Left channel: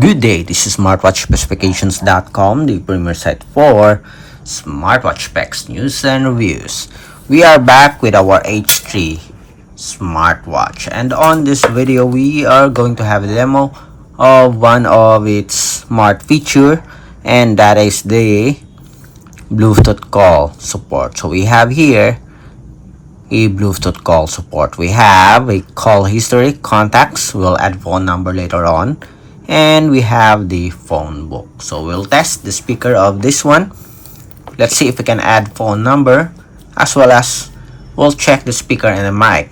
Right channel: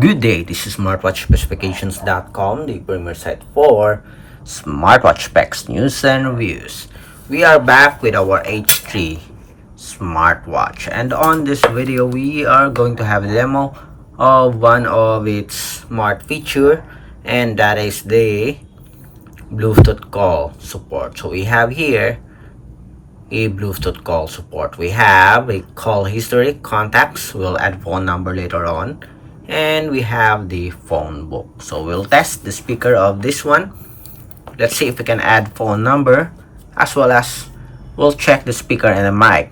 Good day, this is smartwatchspecifications.com, the premier site for smartwatch specs, news, and reviews. We are back with our H3 Smartwatch, and on this video we are going to have a demo of one of its smart feature, and that is the Bluetooth call support. So we have here a Bluetooth call support. We have a call history, contacts, we'll add phone number later on, and we have the phone book. So we'll test the speaker of this one. Let's see if we can add phone number, as well as we'll check the speaker and the mic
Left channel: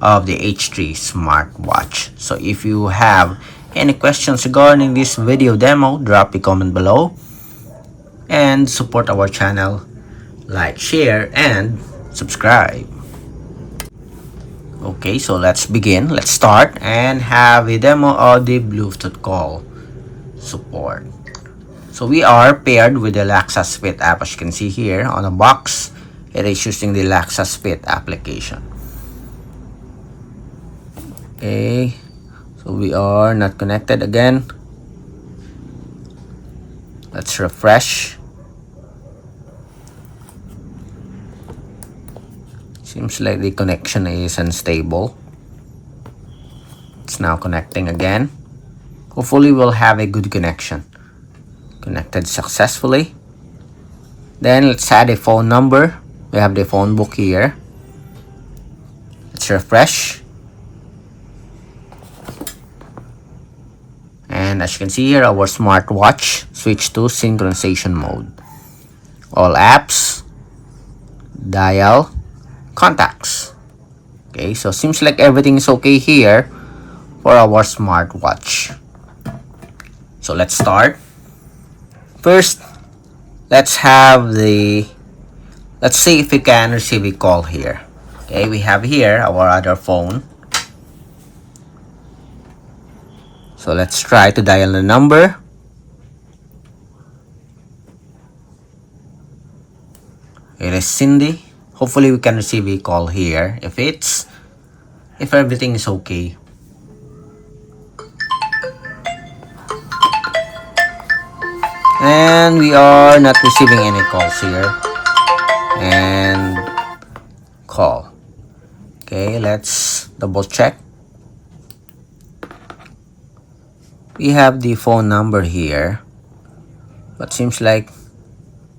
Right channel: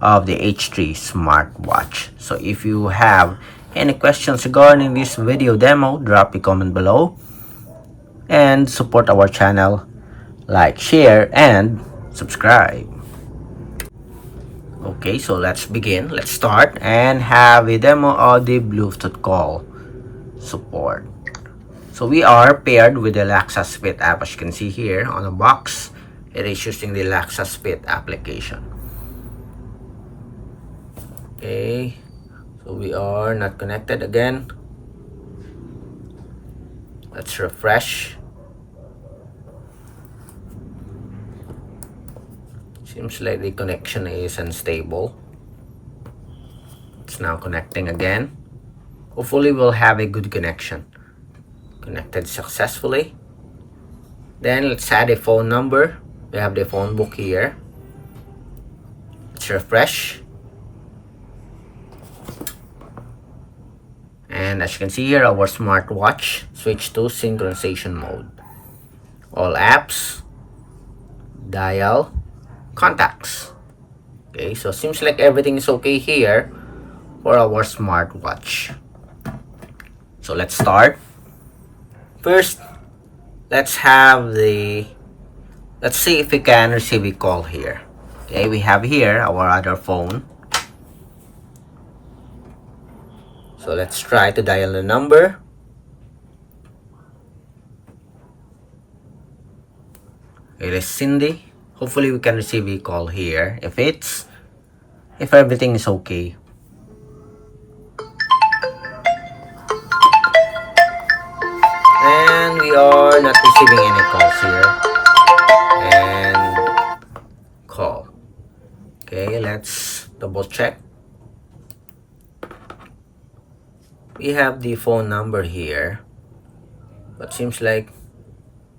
of the H3 Smartwatch. So if you have any questions regarding this video demo, drop a comment below and support our channel, like, share, and subscribe. Okay, so let's begin. Let's start and have a demo of the Bluetooth call support. So we are paired with the Smartwatch Fit app. As you can see here on the box, it is using the Smartwatch Fit application. Okay, so we are not connected again. Let's refresh. Seems like the connection is unstable. It's now connecting again. Hopefully we'll have a good connection. Connected successfully. Then let's add a phone number. We have the phone book here. Let's refresh. And as you can see here, our smartwatch switched to synchronization mode. All apps, dial, contacts. Okay, so seems like everything is okay here for our smartwatch. So let's start. First, let's see if we can receive a call here. Okay, we have here our other phone. So let's try to dial the number. It is Cindy. Hopefully we can receive a call here if everything is okay. And we are not receiving any calls here. And call. Okay, let's double check. We have the phone number here, but seems like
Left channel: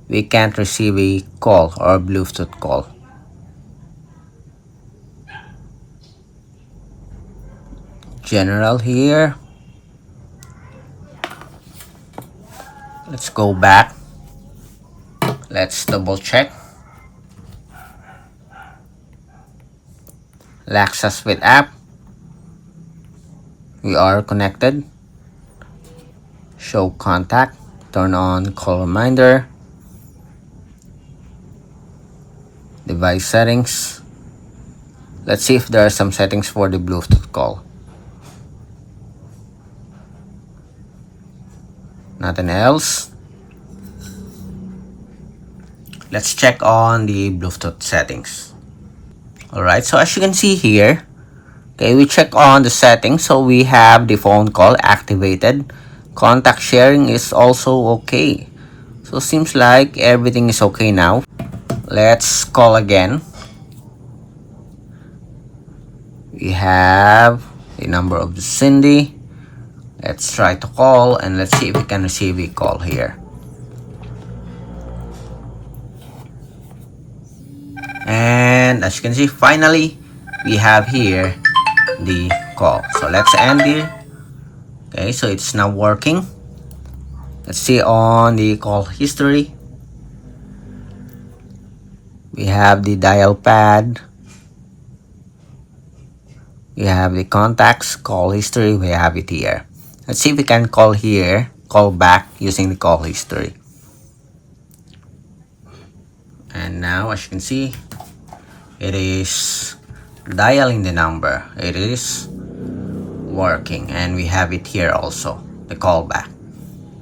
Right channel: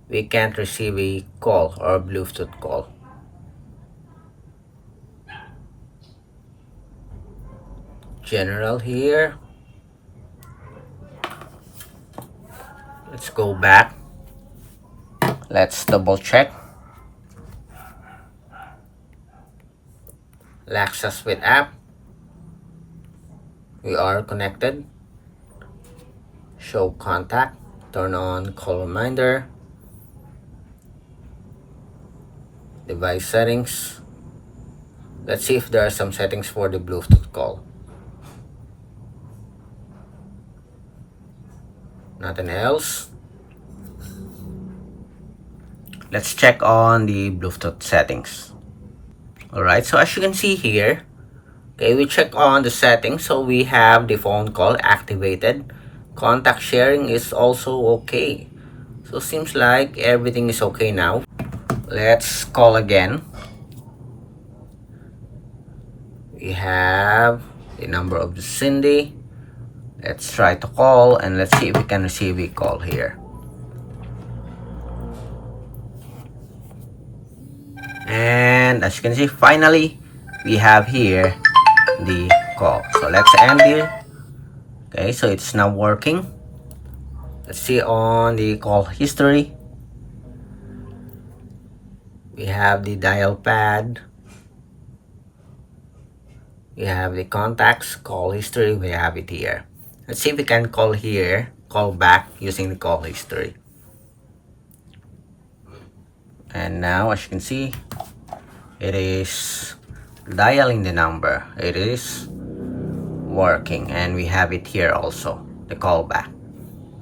we can't receive a call or a Bluetooth call. General here. Let's go back. Let's double check. Smartwatch Fit app. We are connected. Show contact. Turn on call reminder. Device settings. Let's see if there are some settings for the Bluetooth call. Nothing else. Let's check on the Bluetooth settings. Alright, so as you can see here, okay, we check on the settings. So we have the phone call activated. Contact sharing is also okay. So seems like everything is okay now. Let's call again. We have the number of the Cindy. Let's try to call and let's see if we can receive a call here. And as you can see, finally we have here the call. So let's end here. Okay, so it's now working. Let's see on the call history. We have the dial pad. We have the contacts, call history. We have it here. Let's see if we can call here, call back using the call history. And now, as you can see, it is dialing the number. It is working, and we have it here also, the call back.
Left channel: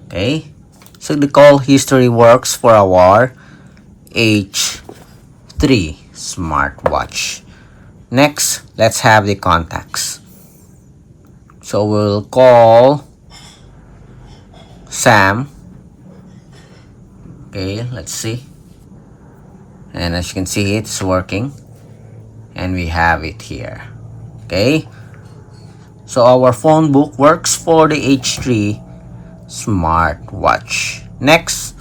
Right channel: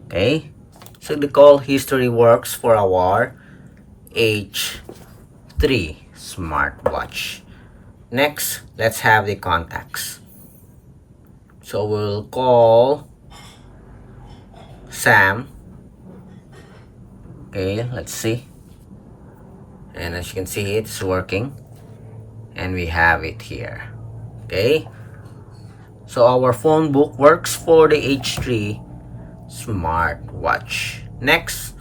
Okay, so the call history works for our H3 Smartwatch. Next, let's have the contacts. So we'll call SAM. Okay, let's see. And as you can see, it's working. And we have it here. Okay. So our phone book works for the H3 Smartwatch. Next,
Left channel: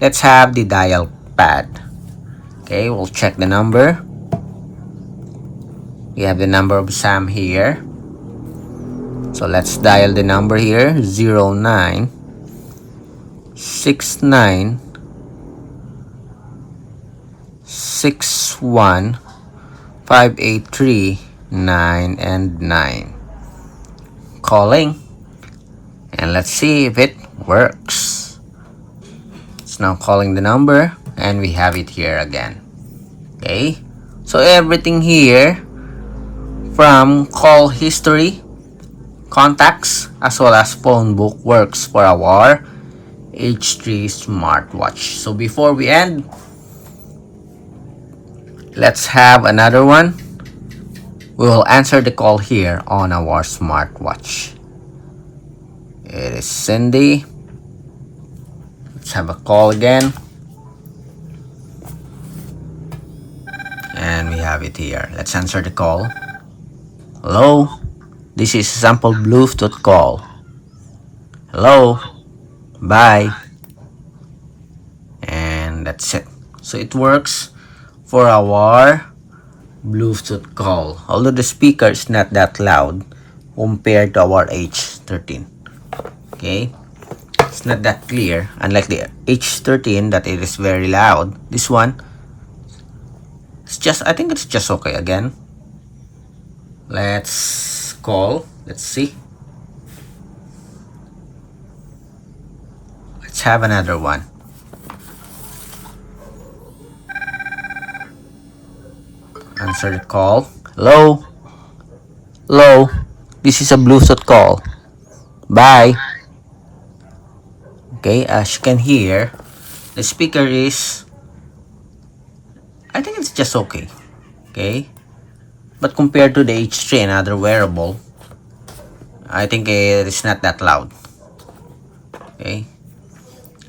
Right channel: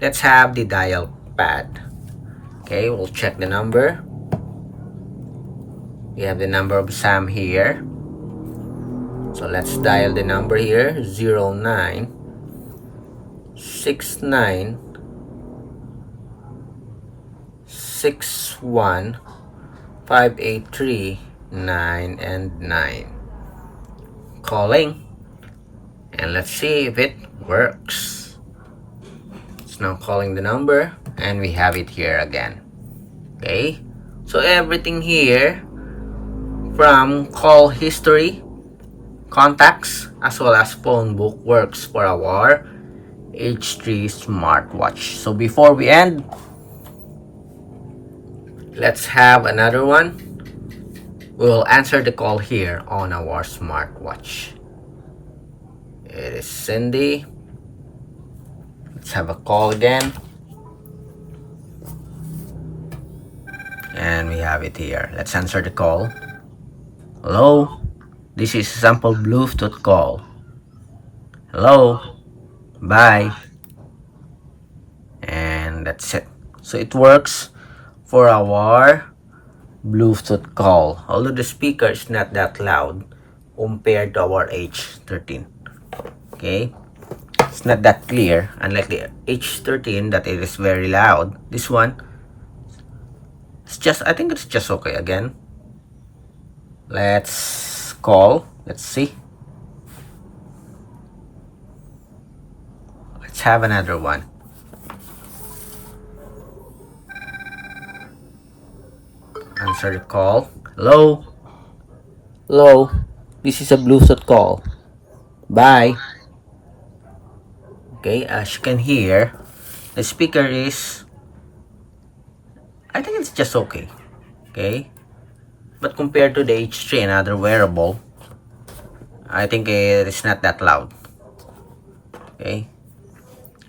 let's have the dial pad. Okay, we'll check the number. We have the number of SAM here. So let's dial the number here, 0969 61 583 9 and 9. Calling. And let's see if it works. It's now calling the number, and we have it here again. Okay, so everything here from call history, contacts, as well as phone book works for our H3 Smartwatch. So before we end, let's have another one. We will answer the call here on our smartwatch. It is Cindy. Let's have a call again. And we have it here. Let's answer the call. Hello, this is a sample Bluetooth call. Hello, bye. And that's it. So it works for our Bluetooth call, although the speaker is not that loud compared to our H13. Okay, it's not that clear, unlike the H13 that it is very loud. This one, it's just, I think it's just okay. Again, let's call. Let's see. Let's have another one. Answer the call. Hello, hello, this is a Bluetooth call. Bye. Okay, as you can hear, the speaker is, I think it's just okay. Okay, but compared to the H3, another wearable, I think it is not that loud. Okay,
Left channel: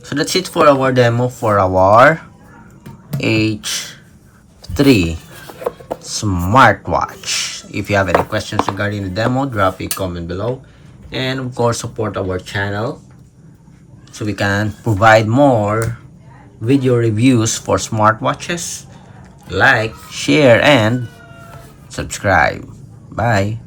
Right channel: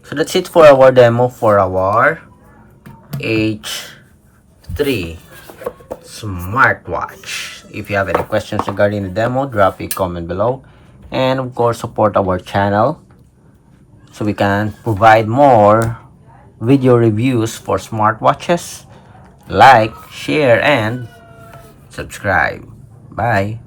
so that's it for our demo for our H3 Smartwatch. If you have any questions regarding the demo, drop a comment below, and of course support our channel so we can provide more video reviews for smartwatches. Like, share, and subscribe. Bye.